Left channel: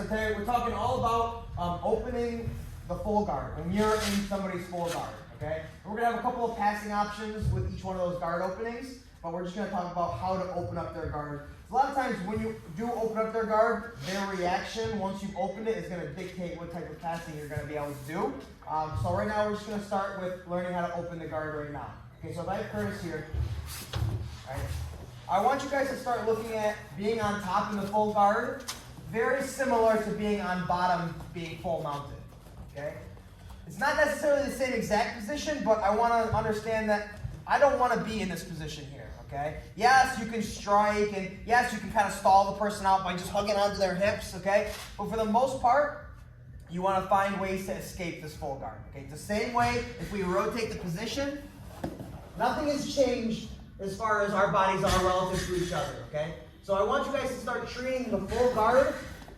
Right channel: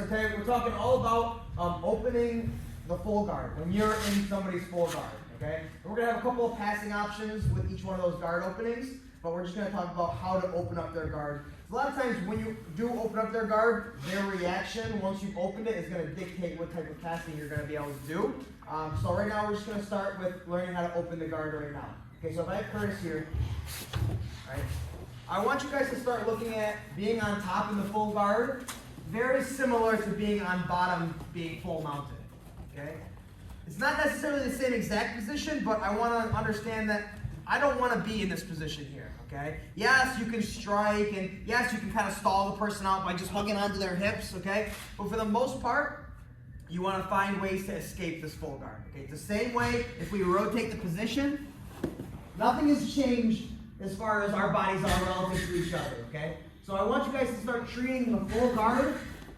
so today we're talking all about opening the full guard, when you're in somebody's full guard, okay? We're going to have a couple of passing options with each one of those guard openings, but we're just going to talk about how to open up their guard. A lot of times when you do open up their guard, their reaction once you've opened it is going to dictate what type of passing you're going to be able to do. So right now we're just going to start with learning how to open the guard right now. Okay, so if I have Curtis here, all right, I want you guys to start looking at being on top in the full guard, very similar to being on bottom, being full mounted. Okay? It's not necessarily the same exact position, but I want to understand that I don't want to be in this position here. Okay? Yes, you can strike, and yes, you can kind of stall the person out by just hugging onto their hips. Okay? But for the most part, you want to find ways to escape this full guard. Okay? It's the same way if we rotate the position. Nothing has changed as far as our bodies are relative to each other, okay? So I want you guys to start treating the full guard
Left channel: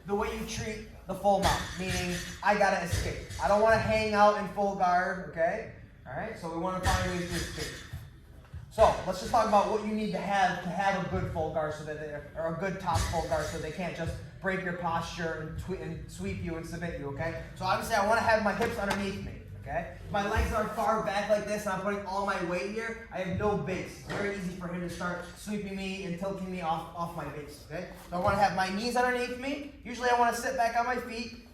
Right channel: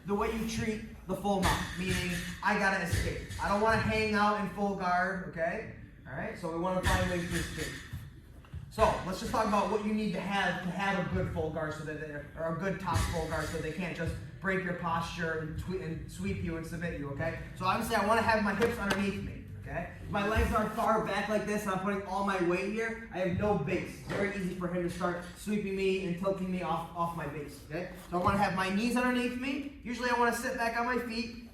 the way you treat the full mount, meaning I gotta escape. I don't wanna hang out in full guard, okay? All right, so we wanna find ways to escape. So let's just talk about what you need to have a good full guard so that or a good top full guard so they can't just break your posture and sweep you and submit you, okay? So obviously I wanna have my hips underneath me. Okay? If my legs are far back like this and I'm putting all my weight here, I have no base. It's very easy for him to start sweeping me and tilting me off my base. Okay? So I want to have my knees underneath me. Usually I want to sit back on my feet,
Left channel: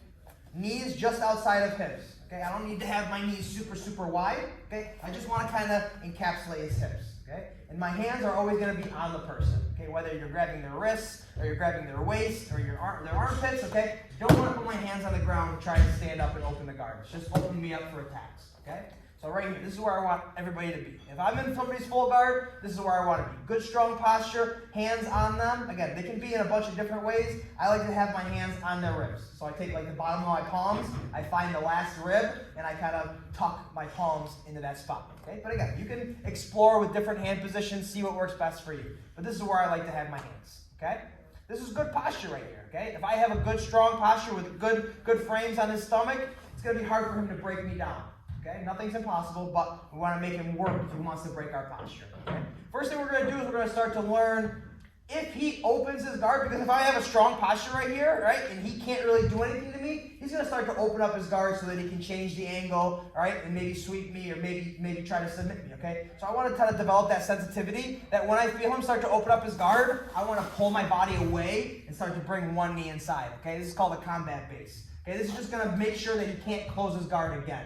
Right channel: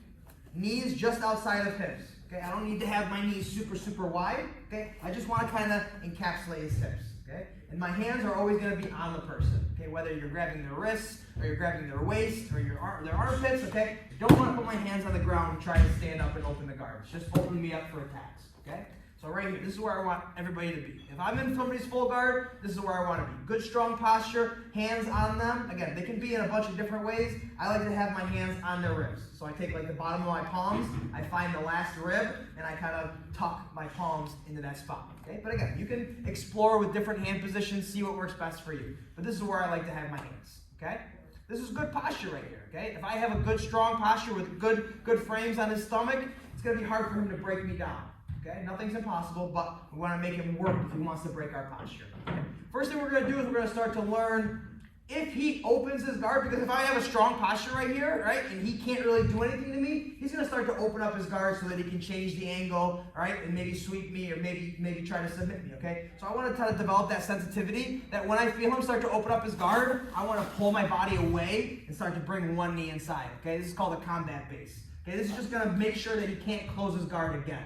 knees just outside of hips. Okay? I don't need to have my knees super wide. Okay? I just want to kind of encapsulate his hips. Okay? And my hands are always going to be on the person. Okay? Whether you're grabbing their wrists or you're grabbing their waist or their armpits. Okay? Don't want to put my hands on the ground trying to stand up and open the guards. Just open me up for attacks. Okay? So right here, this is where I want everybody to be. If I'm in somebody's full guard, this is where I want to be. Good, strong posture, hands on them. Again, they can be in a bunch of different ways. I like to have my hands on their ribs. So I take like the bottom of my palms, I find the last rib, and I kind of tuck my palms into that spot. Okay? But again, you can explore with different hand positions, see what works best for you. But this is where I like to have my hands. Okay? This is good posture right here. Okay? If I have a good, strong posture with good frames on his stomach, it's going to be hard for him to break me down. Okay? Nothing's impossible, but we want to make him work if he wants to break our posture. Okay? First thing we're going to do is we're going to start to learn if he opens his guard, because if I have a strong posture right here, right, and he can't really do anything to me, he's going to start to open up his guard so that he can change the angle, all right, and maybe sweep me or maybe try to submit me, okay? So I want to kind of develop that sensitivity that when I feel him start to open up his guard, I want to pull my body away and start to bring one knee inside, okay? This is called a combat base. Okay, this is just going to make sure that he can't close his guard again.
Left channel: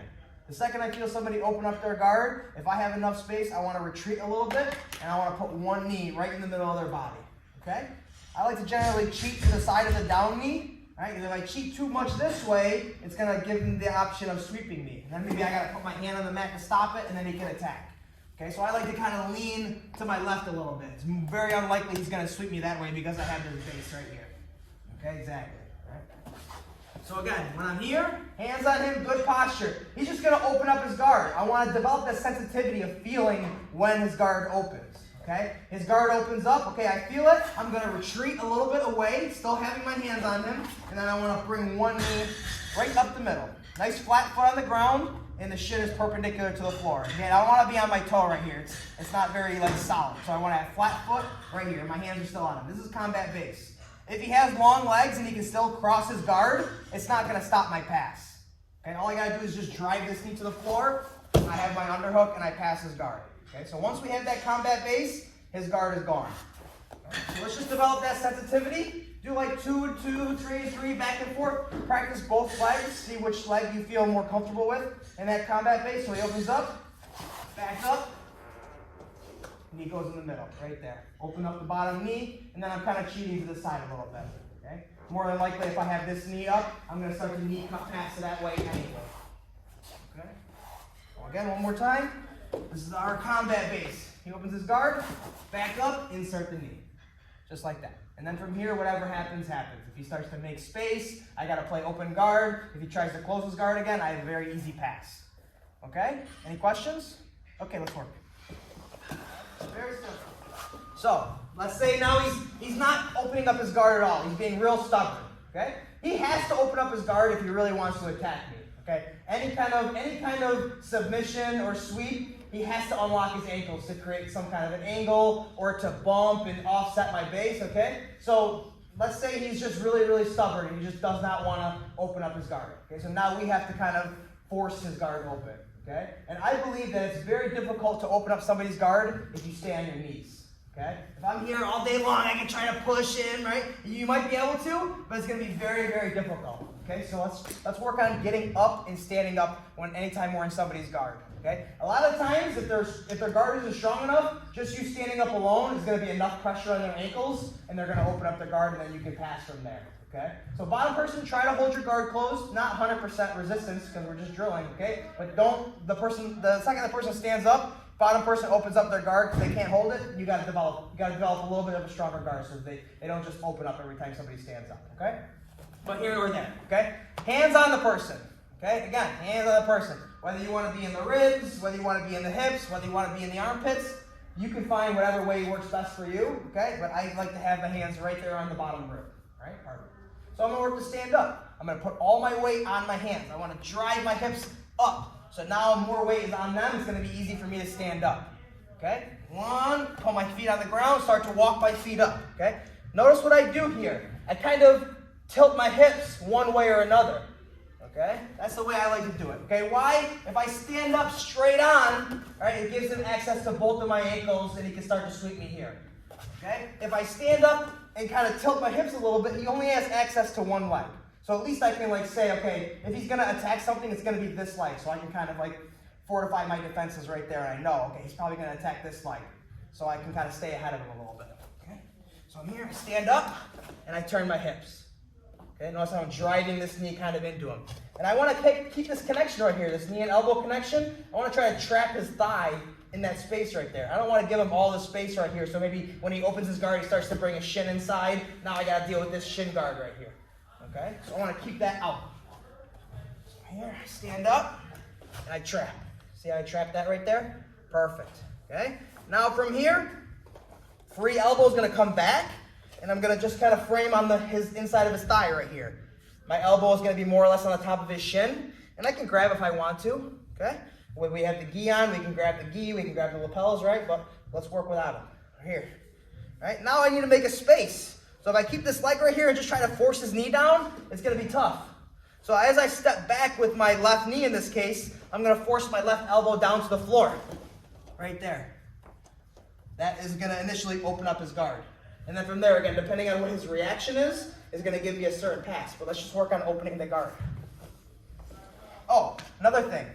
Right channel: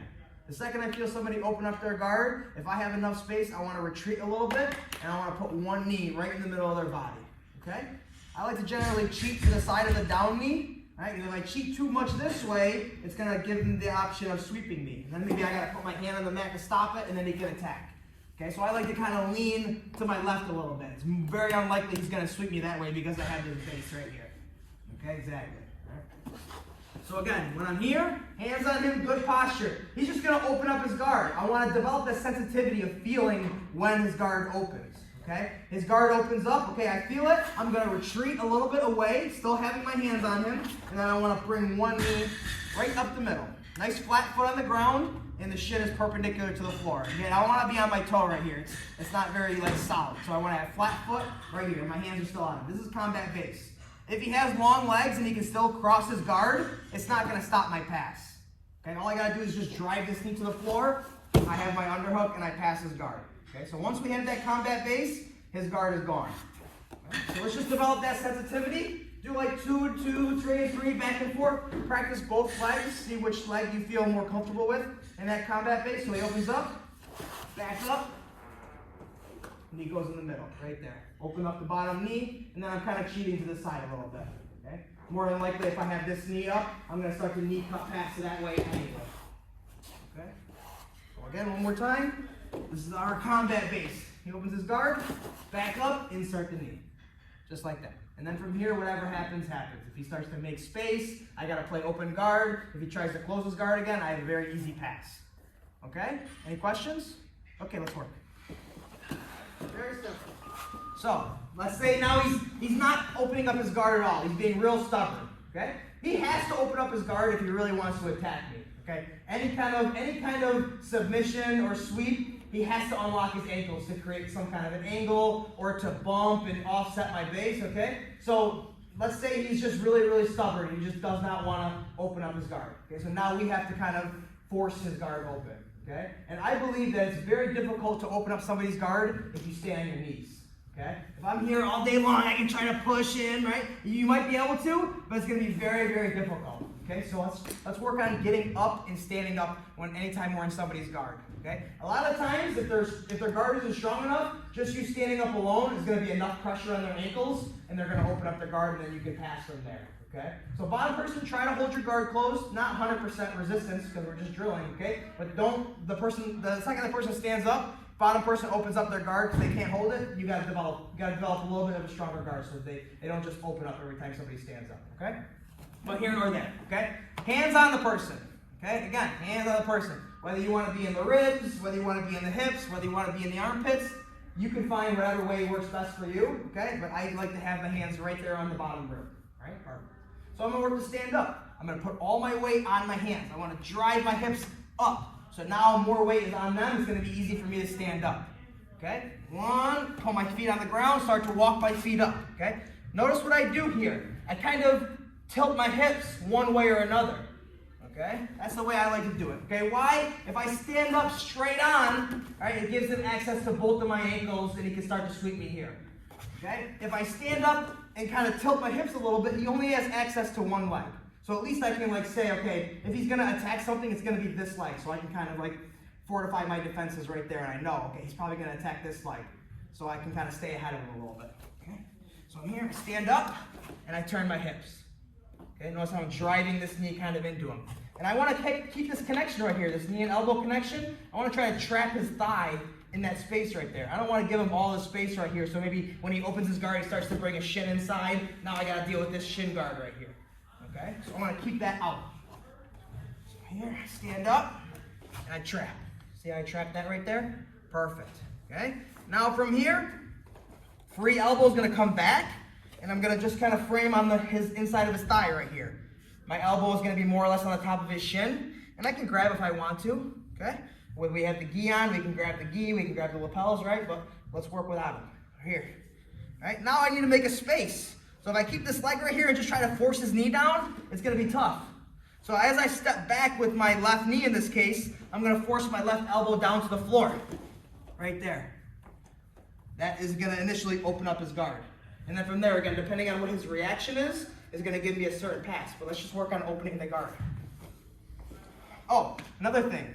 The second I feel somebody open up their guard, if I have enough space, I want to retreat a little bit, and I want to put one knee right in the middle of their body. Okay? I like to generally cheat to the side of the down knee. Right? If I cheat too much this way, it's going to give him the option of sweeping me. And then maybe I got to put my hand on the mat to stop it, and then he can attack. Okay? So I like to kind of lean to my left a little bit. It's very unlikely he's going to sweep me that way because I have this base right here. Okay? Exactly. Right? So again, when I'm here, hands on him, good posture. He's just going to open up his guard. I want to develop the sensitivity of feeling when his guard opens. Okay, his guard opens up. Okay, I feel it. I'm going to retreat a little bit away, still having my hands on him. And then I want to bring one knee right up the middle. Nice flat foot on the ground, and the shin is perpendicular to the floor. Again, I don't want to be on my toe right here. It's not very solid. So I want to have flat foot right here. My hands are still on him. This is combat base. If he has long legs and he can still cross his guard, it's not going to stop my pass. Okay, all I got to do is just drive this knee to the floor. I have my underhook, and I pass his guard. Okay, so once we have that combat base, his guard is gone. Okay, so let's just develop that sensitivity. Do like 2 and 2, 3 and 3, back and forth. Practice both legs. See which leg you feel more comfortable with in that combat base. So he opens up, backs up, and he goes in the middle, right there. Open up the bottom knee, and then I'm kind of cheating to the side a little bit. Okay? More than likely, if I have this knee up, I'm going to start to knee cut past it that way anyway. Okay? So again, one more time. This is our combat base. He opens his guard, back up, insert the knee. Just like that. And then from here, whatever happens, happens. If he starts to make space, I got to play open guard. If he tries to close his guard again, I have a very easy pass. Okay? Any questions? Okay, let's work. Very simple. So, let's say now he's not opening up his guard at all. He's being real stubborn. Okay? He has to open up his guard if he really wants to attack me. Okay? Any kind of submission or sweep, he has to unlock his ankles to create some kind of an angle or to bump and offset my base, okay? So let's say he's just really, really stubborn and he just does not want to open up his guard. Okay, so now we have to kind of force his guard open. Okay, and I believe that it's very difficult to open up somebody's guard if you stay on your knees. Okay, if I'm here all day long, I can try to push in, right? You might be able to, but it's going to be very, very difficult. Okay, so let's work on getting up and standing up anytime we're in somebody's guard. Okay, a lot of times if their guard isn't strong enough, just you standing up alone is going to be enough pressure on their ankles, and they're going to open up their guard, and then you can pass from there. Okay, so bottom person, try to hold your guard closed, not 100% resistance because we're just drilling. Okay, but the second the person stands up, bottom person opens up their guard because they can't hold it. You got to develop a little bit of a stronger guard so they don't just open up every time somebody stands up. Okay, but here or there. Okay, hands on the person. Okay, again, hands on the person. Whether you want to be in the ribs, whether you want to be in the hips, whether you want to be in the armpits, you can find whatever way works best for you. Okay, but I like to have the hands right there on the bottom rib. All right, perfect. So I'm going to work to stand up. I'm going to put all my weight on my hands. I want to drive my hips up. So now more weight is on them. It's going to be easy for me to stand up. Okay? One, pull my feet on the ground, start to walk my feet up. Okay? Notice what I do here. I kind of tilt my hips one way or another. Okay? That's the way I like to do it. Okay? Why? If I stand up straight on, right, it gives him access to both of my ankles and he can start to sweep me here. Okay? If I stand up and kind of tilt my hips a little bit, he only has access to one leg. So at least I can say, okay, if he's going to attack something, it's going to be this leg. So I can kind of fortify my defenses right there. And I know, okay, he's probably going to attack this leg. So I can kind of stay ahead of him a little bit. Okay? So I'm here, I stand up, and I turn my hips. Okay? Notice how I'm driving this knee kind of into him. And I want to keep this connection right here, this knee and elbow connection. I want to try to trap his thigh in that space right there. I don't want to give him all the space right here. So maybe when he opens his guard, he starts to bring a shin inside. Now I got to deal with this shin guard right here. Okay? So I want to keep that out. So here, I stand up, and I trap. See how I trap that right there? Perfect. Okay? Now from here, free elbow is going to come back, and I'm going to just kind of frame on his inside of his thigh right here. My elbow is going to be more or less on the top of his shin, and I can grab if I want to. Okay? When we have the gi on, we can grab the gi, we can grab the lapels, right? But let's work without them. Here. All right? Now I need to make a space. So if I keep this leg right here and just try to force his knee down, it's going to be tough. So as I step back with my left knee in this case, I'm going to force my left elbow down to the floor. Right there. That is going to initially open up his guard. And then from there, again, depending on what his reaction is going to give me a certain pass. But let's just work on opening the guard. Oh, another thing.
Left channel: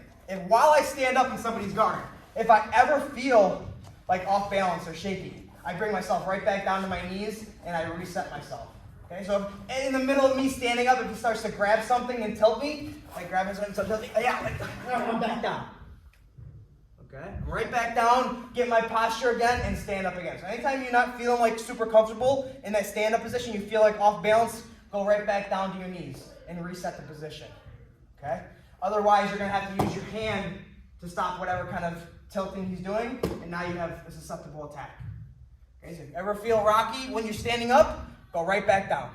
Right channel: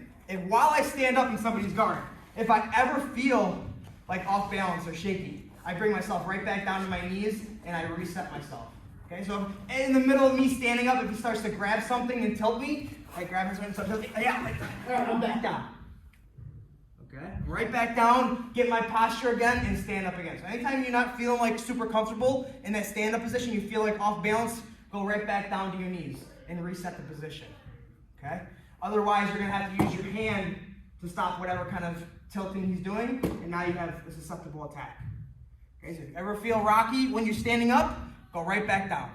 While I stand up in somebody's guard, if I ever feel like off balance or shaky, I bring myself right back down to my knees and I reset myself. Okay, so in the middle of me standing up, if he starts to grab something and tilt me, I grab his and tilt me, I'm back down. Okay, right back down, get my posture again, and stand up again. So anytime you're not feeling like super comfortable in that stand-up position, you feel like off balance, go right back down to your knees and reset the position. Okay? Otherwise, you're going to have to use your hand to stop whatever kind of tilting he's doing, and now you have a susceptible attack. Okay, so if you ever feel rocky when you're standing up, go right back down.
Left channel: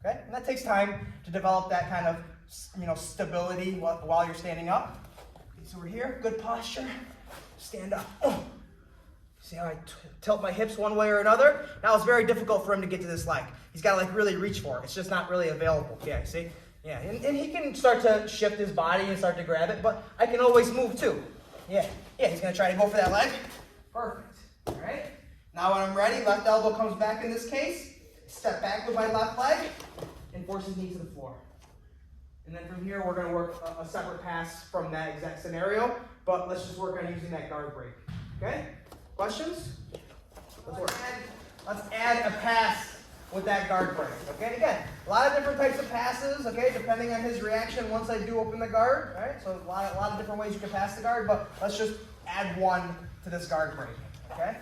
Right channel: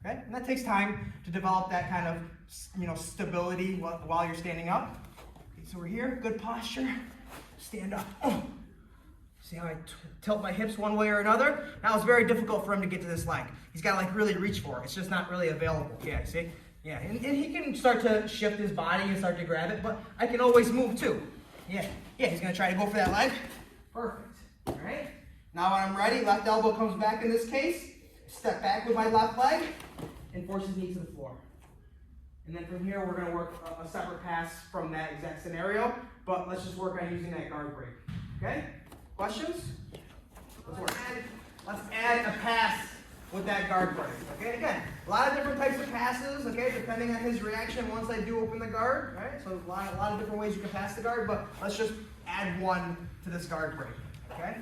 Okay? And that takes time to develop that kind of, stability while you're standing up. Okay, so we're here, good posture. Stand up. Oh. See how I tilt my hips one way or another? Now it's very difficult for him to get to this leg. He's got to really reach for it. It's just not really available. Yeah, see? Yeah, and he can start to shift his body and start to grab it, but I can always move too. Yeah, he's going to try to go for that leg. Perfect. All right. Now when I'm ready, left elbow comes back in this case. Step back with my left leg and force his knee to the floor. And then from here, we're going to work a separate pass from that exact scenario, but let's just work on using that guard break. Okay? Questions? Let's add a pass with that guard break. Okay? Again, a lot of different types of passes, okay, depending on his reaction once I do open the guard, right? So a lot of different ways you can pass the guard, but let's just add one to this guard break. Okay?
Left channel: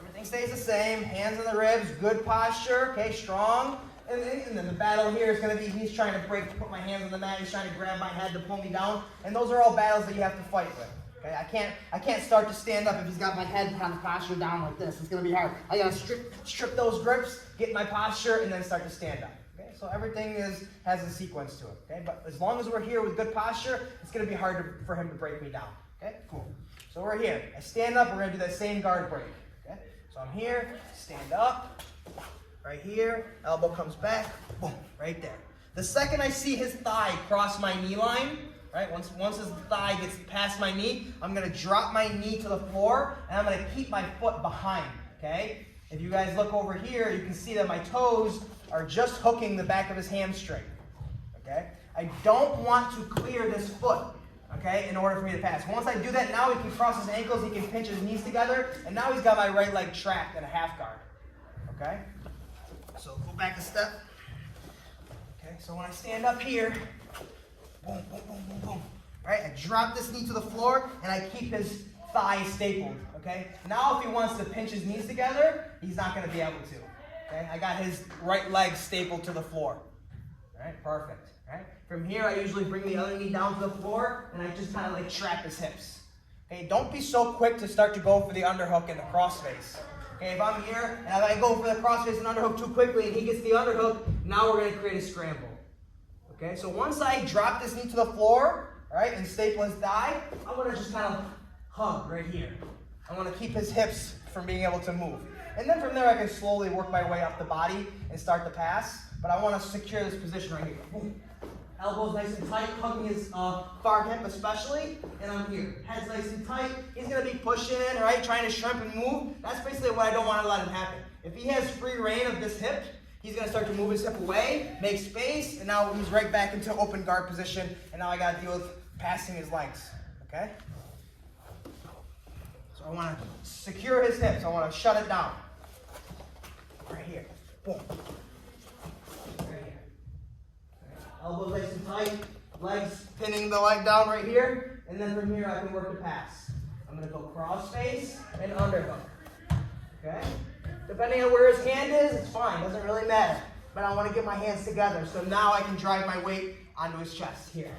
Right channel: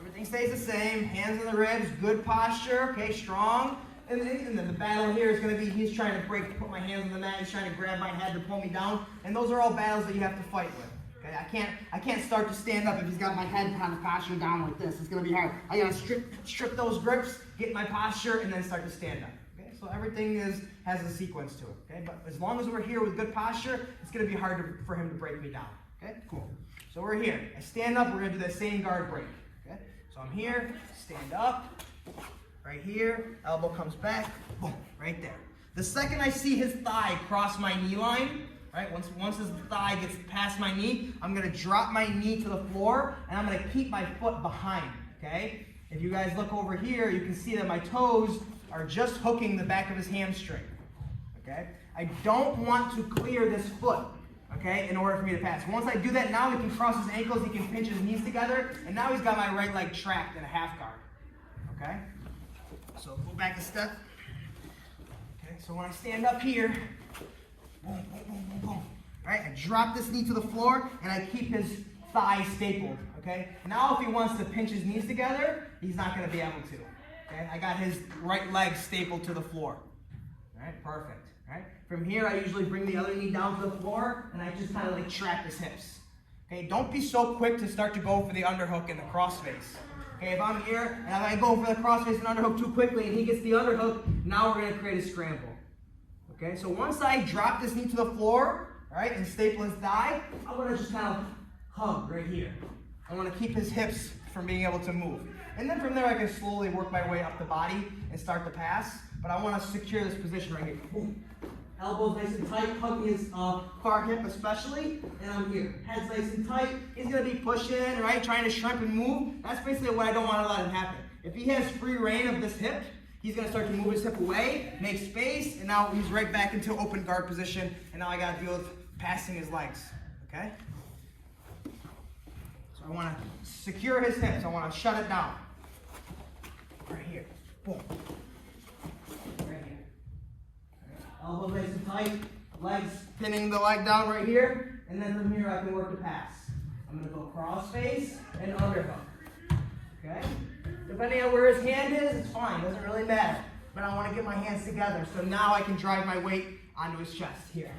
Everything stays the same. Hands on the ribs, good posture, okay, strong. And then the battle here is going to be, he's trying to put my hands on the mat, he's trying to grab my head to pull me down, and those are all battles that you have to fight with. Okay, I can't start to stand up if he's got my head kind of posture down like this. It's going to be hard. I got to strip those grips, get my posture, and then start to stand up. Okay, so everything has a sequence to it. Okay, but as long as we're here with good posture, it's going to be hard for him to break me down. Okay, cool. So we're here. I stand up. We're going to do that same guard break. Okay, so I'm here. Stand up. right here, elbow comes back, boom, right there. The second I see his thigh cross my knee line, right, once his thigh gets past my knee, I'm gonna drop my knee to the floor, and I'm gonna keep my foot behind, okay? If you guys look over here, you can see that my toes are just hooking the back of his hamstring, okay? I don't want to clear this foot, okay, in order for me to pass. Once I do that, now he can cross his ankles, he can pinch his knees together, and now he's got my right leg trapped in a half guard, okay? So go back a step. Okay, so when I stand up here, boom, boom, boom, boom, boom, right, I drop this knee to the floor, and I keep his thigh stapled, okay? Now if he wants to pinch his knees together, he's not gonna be able to, okay? I got his right leg stapled to the floor, all right, perfect. Right? From here, I usually bring the other knee down to the floor, and I just kind of like trap his hips. Okay, don't be so quick to start to go for the underhook and the crossface. Okay, if I'm here and I go for the crossface and underhook too quickly, and he gets the underhook, now we're going to create a scramble. Okay, so once I drop this knee to the floor, all right, and staple his thigh, I'm going to just kind of hug right here. I want to keep his hips from being able to move. And then from there, I can slowly work my way up the body and start the pass. But I want to secure this position right here. Boom. Elbows nice and tight, hugging his far hip especially, and I'm here. Head's nice and tight. He's going to be pushing, right, trying to shrimp and move. That's basically what I don't want to let him happen. If he has free reign of this hip, he's going to start to move his hip away, make space, and now he's right back into open guard position, and now I got to deal with passing his legs, okay? So I want to secure his hips. I want to shut it down. Right here. Boom. Elbows nice and tight, legs pinning the leg down right here, and then from here I can work the pass. I'm going to go cross face and underhook. Okay? Depending on where his hand is, it's fine, doesn't really matter. But I want to get my hands together, so now I can drive my weight onto his chest here.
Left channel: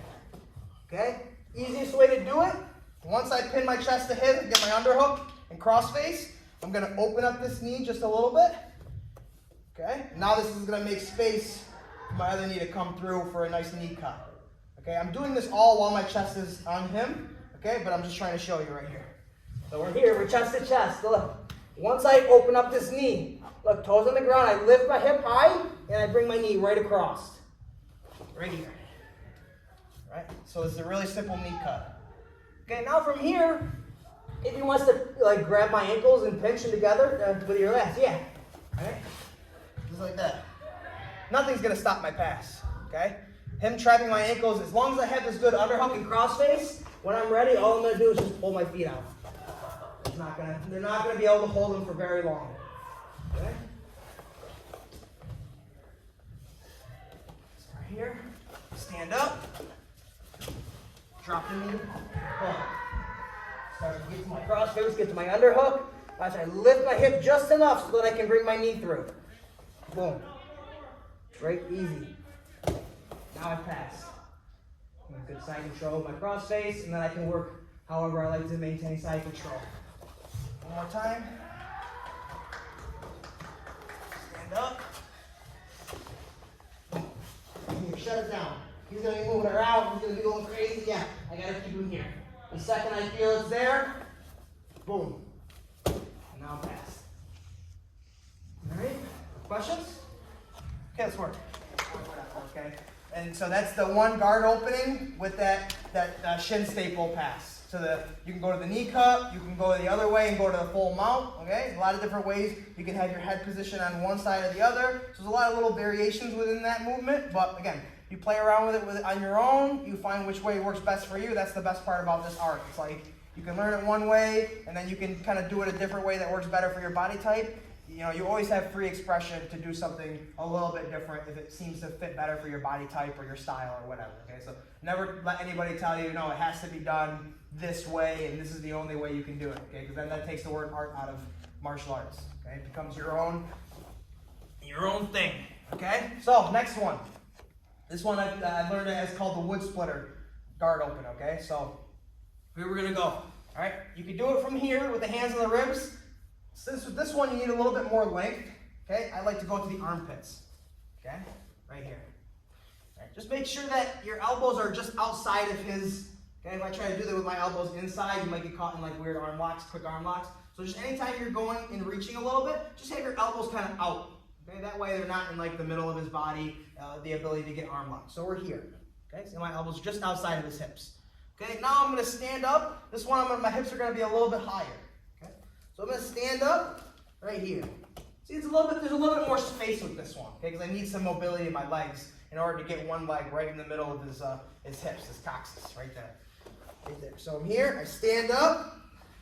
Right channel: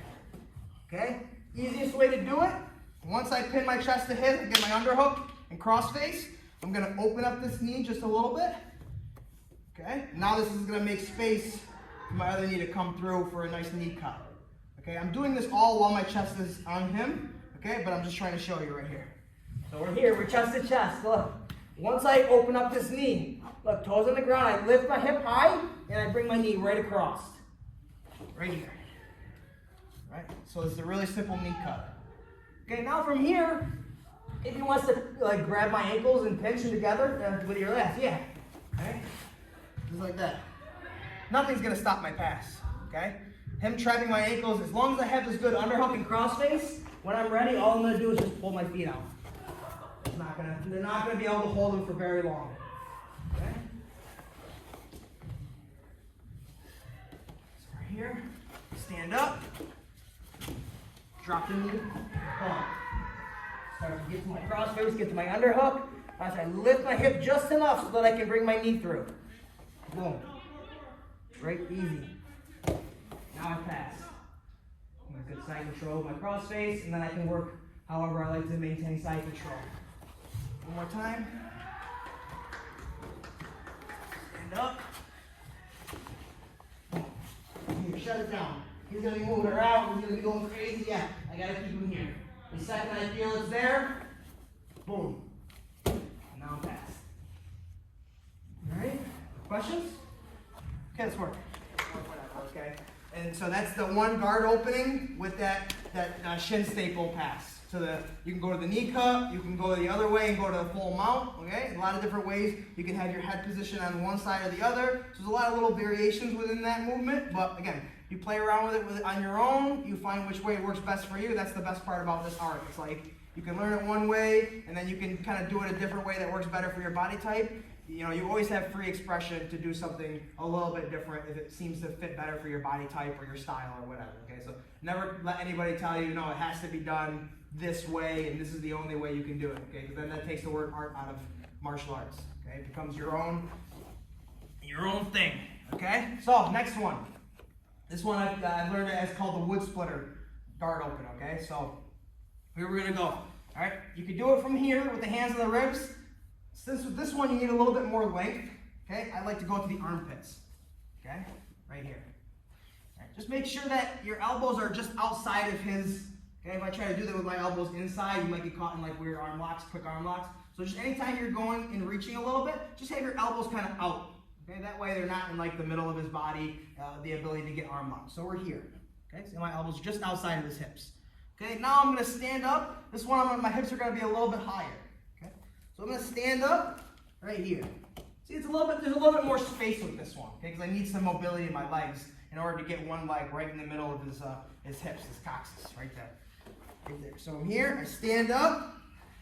Okay? Easiest way to do it, once I pin my chest to hit and get my underhook and cross face, I'm going to open up this knee just a little bit. Okay? Now this is going to make space my other knee to come through for a nice knee cut. Okay, I'm doing this all while my chest is on him, okay, but I'm just trying to show you right here. So we're here, we're chest to chest, look. Once I open up this knee, look, toes on the ground, I lift my hip high, and I bring my knee right across. Right here. Right, so it's a really simple knee cut. Okay, now from here, if he wants to like grab my ankles and pinch them together with your lats, yeah. Okay, just like that. Nothing's going to stop my pass, okay? Him trapping my ankles, as long as I have this good underhook and crossface, when I'm ready, all I'm going to do is just pull my feet out. They're not going to be able to hold them for very long, okay? So right here, stand up, drop the knee, pull. Start to get to my crossface, get to my underhook. Watch, I lift my hip just enough so that I can bring my knee through. Boom. Right, easy. Now I pass. Good side control of my cross face, and then I can work however I like to maintain side control. One more time. Stand up. Here, shut it down. He's going to be moving around. He's going to be going crazy. Yeah, I got to keep him here. The second I feel it's there, boom. And now I pass. All right? Questions? Okay, let's work. Okay, and so that's the one guard opening with that shin staple pass. So you can go to the knee cut, you can go the other way and go to the full mount. Okay, a lot of different ways you can have your head position on one side or the other. So there's a lot of little variations within that movement. But again, you play around with it on your own. You find which way works best for you. That's the best part about this art. It's like you can learn it one way, and then you can kind of do it a different way that works better for your body type. You know, you always have free expression to do something a little bit different if it seems to fit better for your body type or your style or whatever, okay? So never let anybody tell you, no, it has to be done this way and this is the only way you can do it, okay? Because then that takes the word art out of martial arts, okay? It becomes your own thing, okay? So, next one. This one I learned it as called the wood splitter guard open, okay? So, here we're going to go, all right? You can do it from here with the hands on the ribs. Since with this one you need a little bit more length, okay, I like to go to the armpits, okay, right here. All right, just make sure that your elbows are just outside of his, okay, if I try to do that with my elbows inside, you might get caught in like weird arm locks, quick arm locks. So just anytime you're going and reaching a little bit, just have your elbows kind of out, Okay, that way they're not in like the middle of his body, the ability to get arm lock. So we're here. Okay, so my elbows just outside of his hips. Okay, now I'm going to stand up. This one, my hips are going to be a little bit higher. Okay, so I'm going to stand up right here. See, there's a little bit more space with this one. Okay, because I need some mobility in my legs in order to get one leg right in the middle of his hips, his coccyx, right there. Right there. So I'm here. I stand up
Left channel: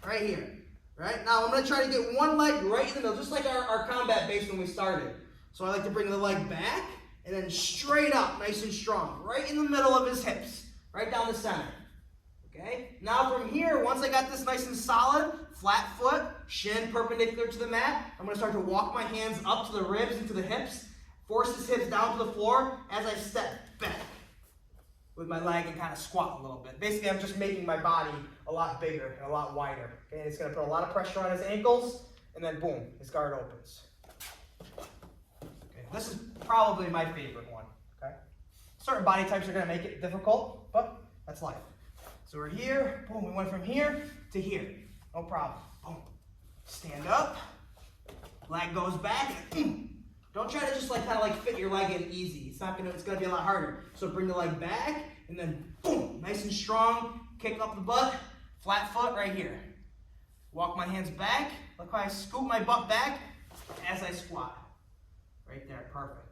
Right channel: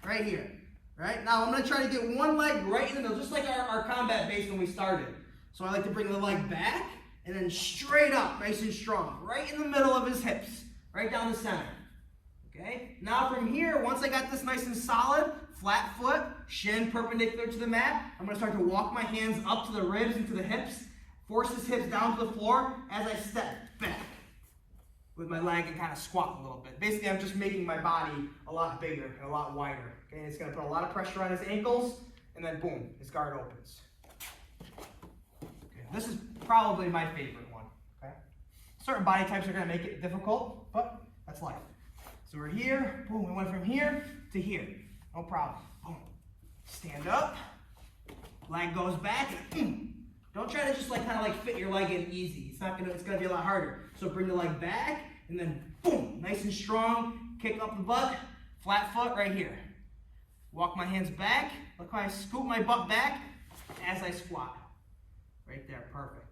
right here. Right now, I'm going to try to get one leg right in the middle, just like our combat base when we started. So I like to bring the leg back and then straight up, nice and strong, right in the middle of his hips, right down the center. Okay? Now from here, once I got this nice and solid, flat foot, shin perpendicular to the mat, I'm going to start to walk my hands up to the ribs and to the hips, force his hips down to the floor as I step back with my leg and kind of squat a little bit. Basically, I'm just making my body a lot bigger and a lot wider. Okay? It's going to put a lot of pressure on his ankles, and then boom, his guard opens. Okay? This is probably my favorite one. Okay? Certain body types are going to make it difficult, but that's life. So we're here, boom, we went from here to here. No problem. Boom. Stand up, leg goes back, and don't try to just like kind of like fit your leg in easy. It's gonna be a lot harder. So bring the leg back, and then boom, nice and strong, kick up the butt, flat foot right here. Walk my hands back, look how I scoop my butt back as I squat. Right there, perfect.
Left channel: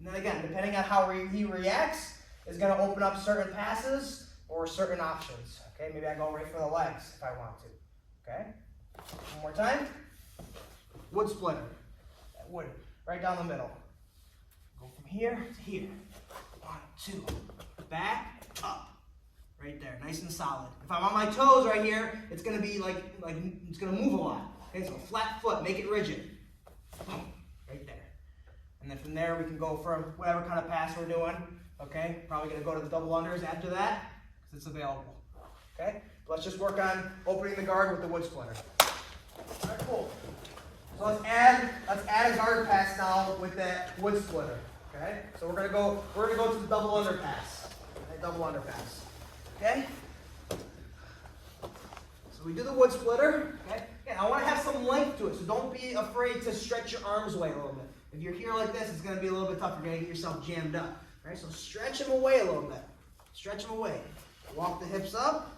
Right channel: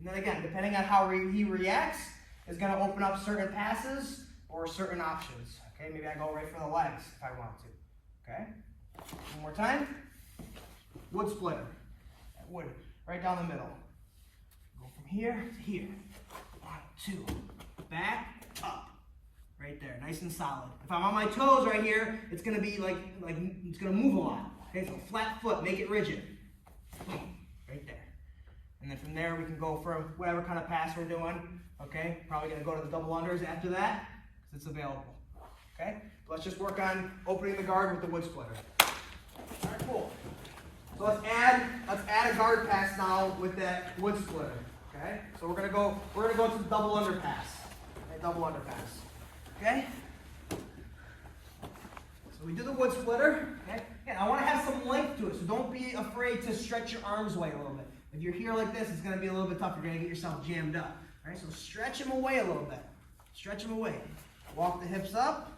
And then again, depending on how he reacts, is gonna open up certain passes or certain options. Okay, maybe I go right for the legs if I want to. Okay, one more time. Wood splitter. That wood, right down the middle. Go from here to here. 1, 2, back, up. Right there, nice and solid. If I'm on my toes right here, it's gonna be like it's gonna move a lot. Okay, so flat foot, make it rigid. Right there. And then from there we can go for whatever kind of pass we're doing. Okay, probably gonna go to the double unders after that, because it's available. Okay, let's just work on opening the guard with the wood splitter. All right, cool. So let's add a guard pass now with that wood splitter. Okay, so we're gonna go to the double under pass. Okay, double under pass. Okay. So we do the wood splitter. Okay. Yeah, I want to have some length to it, so don't be afraid to stretch your arms away a little bit. If you're here like this, it's gonna be a little bit tough. You're gonna get yourself jammed up. Right. So stretch them away a little bit. Stretch them away. Walk the hips up.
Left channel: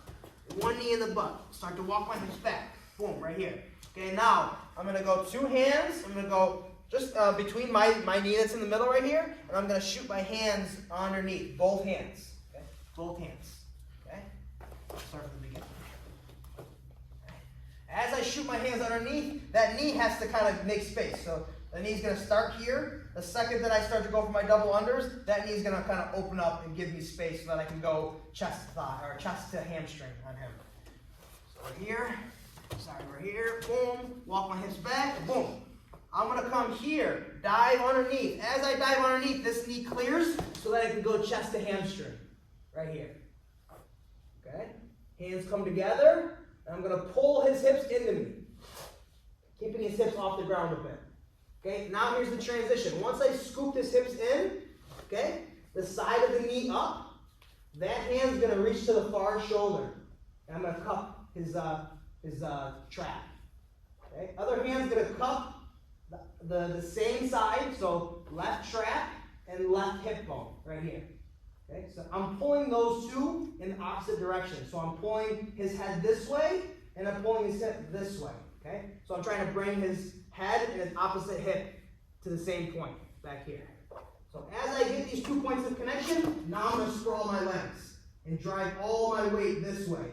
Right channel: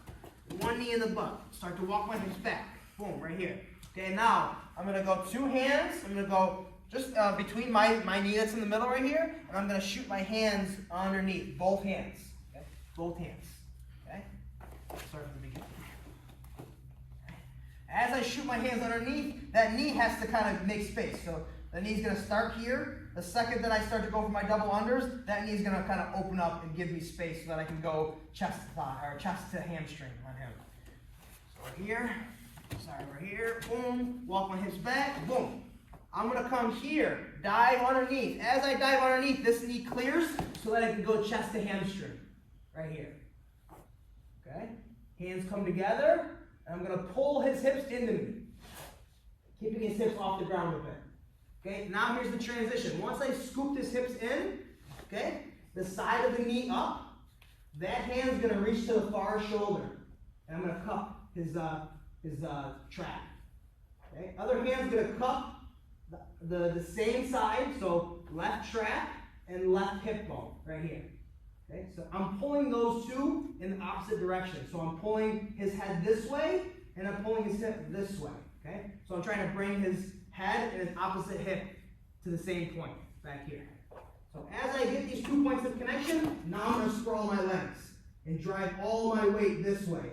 One knee in the butt. Start to walk my hips back. Boom, right here. Okay, now I'm going to go two hands. I'm going to go just between my knee that's in the middle right here, and I'm going to shoot my hands underneath. Both hands. Okay, both hands. Okay, start from the beginning. As I shoot my hands underneath, that knee has to kind of make space. So the knee's going to start here. The second that I start to go for my double unders, that knee's going to kind of open up and give me space so that I can go chest to thigh or chest to hamstring on him. So right here, sorry, right here, boom, walk my hips back, boom. I'm going to come here, dive underneath. As I dive underneath, this knee clears so that I can go chest to hamstring, right here. Okay, hands come together, and I'm going to pull his hips into me, keeping his hips off the ground a bit. Okay, now here's the transition. Once I scoop his hips in, okay, the side of the knee up, that hand's going to reach to the far shoulder. And I'm going to cup his trap. Okay, other hand's going to cup the same side, so left trap and left hip bone right here. Okay, so I'm pulling those two in the opposite direction. So I'm pulling his head this way, and I'm pulling his hip this way. Okay, so I'm trying to bring his head and his opposite hip to the same point back here. So as I get these 2 points of connection, now I'm going to sprawl my legs and drive all my weight this way.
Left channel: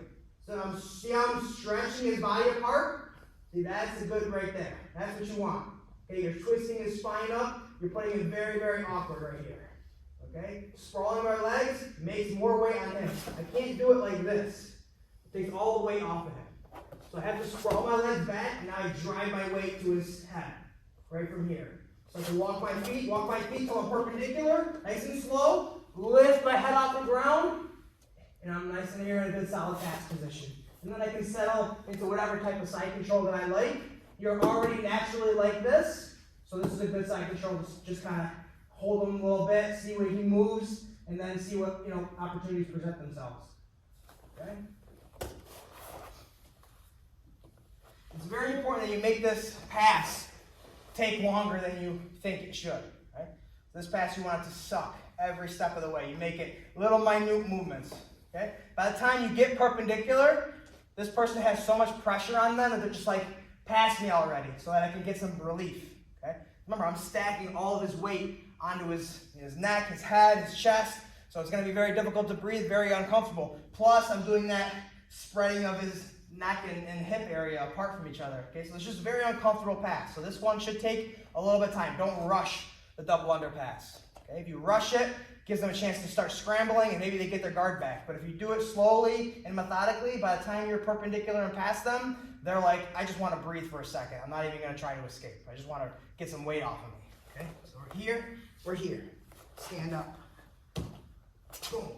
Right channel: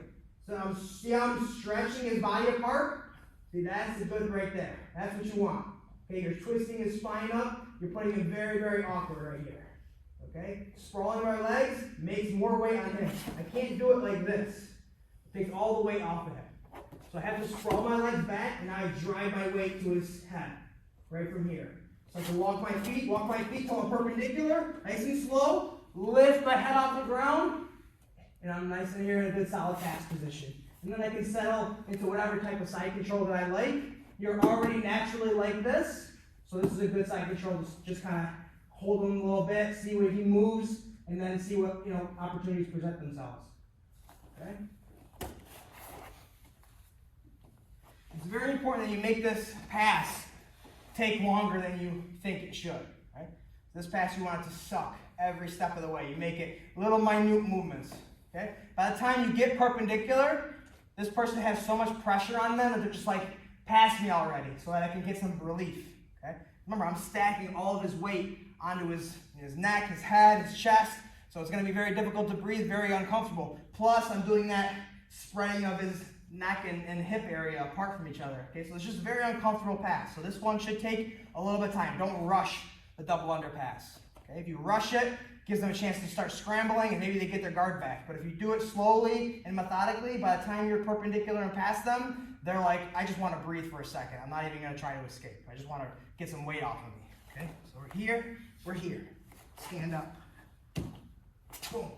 So I'm stretching his body apart. See, that's the good right there. That's what you want. Okay, you're twisting his spine up. You're putting him very, very awkward right here. Okay, sprawling our legs makes more weight on him. I can't do it like this. It takes all the weight off of him. So I have to sprawl my legs back, and I drive my weight to his head, right from here. So I can walk my feet till I'm perpendicular, nice and slow, lift my head off the ground, and I'm nice and here in a good solid pass position. And then I can settle into whatever type of side control that I like. You're already naturally like this, so this is a good side control. Just kind of hold him a little bit, see where he moves, and then see what opportunities present themselves. Okay. It's very important that you make this pass take longer than you think it should, right? This pass, you want it to suck every step of the way. You make it little minute movements, okay? By the time you get perpendicular, this person has so much pressure on them that they're just like, pass me already so that I can get some relief, okay? Remember, I'm stacking all of his weight onto his neck, his head, his chest, so it's going to be very difficult to breathe, very uncomfortable. Plus, I'm doing that spreading of his neck and hip area apart from each other, okay? So it's just a very uncomfortable pass. So this one should take a little bit of time. Don't rush the double under pass, okay? If you rush it, it gives them a chance to start scrambling and maybe they get their guard back. But if you do it slowly and methodically, by the time you're perpendicular and past them, they're like, I just want to breathe for a second. I'm not even going to try to escape. I just want to get some weight off of me, okay? So we're here. Stand up. Boom.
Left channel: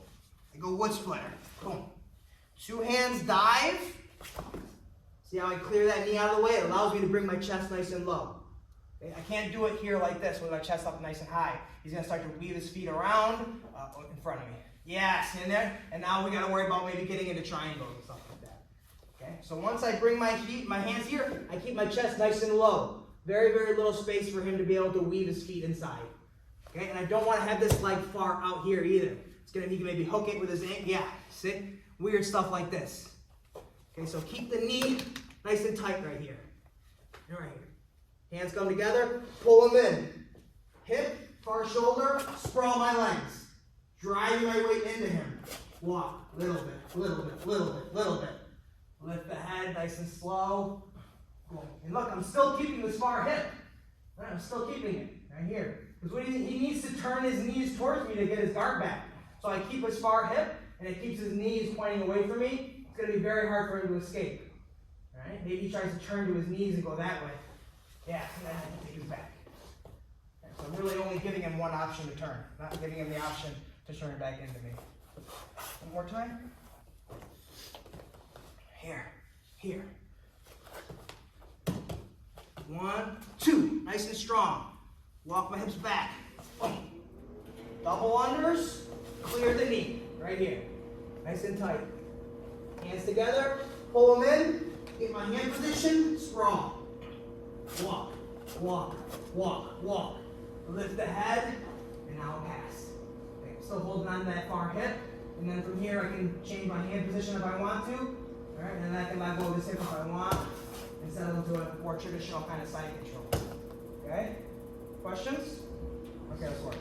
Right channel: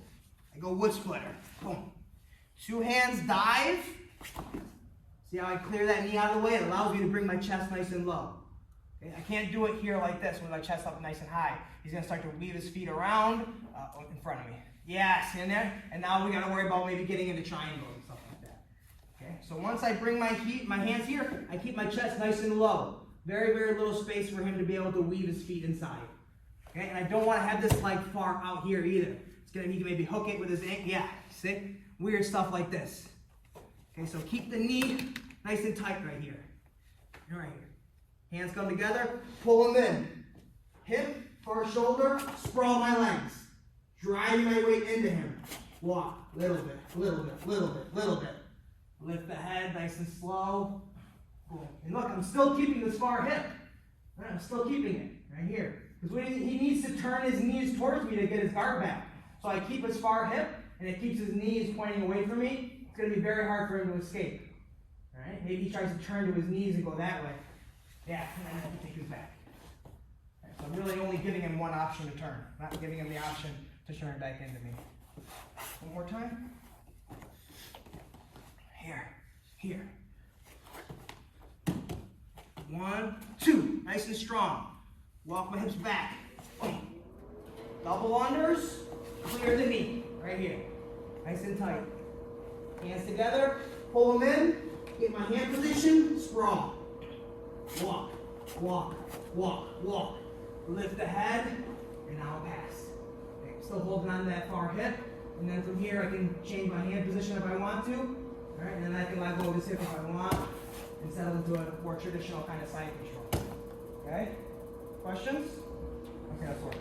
I go wood splitter. Boom. 2 hands dive. See how I clear that knee out of the way? It allows me to bring my chest nice and low. Okay? I can't do it here like this with my chest up nice and high. He's going to start to weave his feet around in front of me. Yes, in there. And now we got to worry about maybe getting into triangles and stuff like that. Okay? So once I bring my hands here, I keep my chest nice and low. Very, very little space for him to be able to weave his feet inside. Okay? And I don't want to have this leg far out here either. It's going to need to maybe hook it with his ankle. Yeah, see? Weird stuff like this. Okay, so keep the knee nice and tight right here. Right here. Hands come together, pull them in. Hip or shoulder, sprawl my legs. Driving my weight into him. Walk, little bit, little bit, little bit, little bit. Lift the head nice and slow. And look, I'm still keeping this far hip. Right, I'm still keeping it right here. Because he needs to turn his knees towards me to get his guard back. So I keep his far hip, and it keeps his knees pointing away from me. It's going to be very hard for him to escape. All right? Maybe he tries to turn to his knees and go that way. Yeah, and then he takes his back. Okay, so I'm really only giving him one option to turn, not giving him the option to turn back into me. One more time. Here. 1, 2. Nice and strong. Walk my hips back. Boom. Double unders. Clear the knee. Right here. Nice and tight. Hands together. Pull them in. Get my hand position. Sprawl. Walk. Walk. Walk. Walk. Lift the head. And now pass. Okay, still holding on to that far hip. And then from here I can change my hand position if I want to. Alright, and then I can let go of this hip if I want. And settle into a more traditional kind of side control. Okay? Questions? Okay, let's work.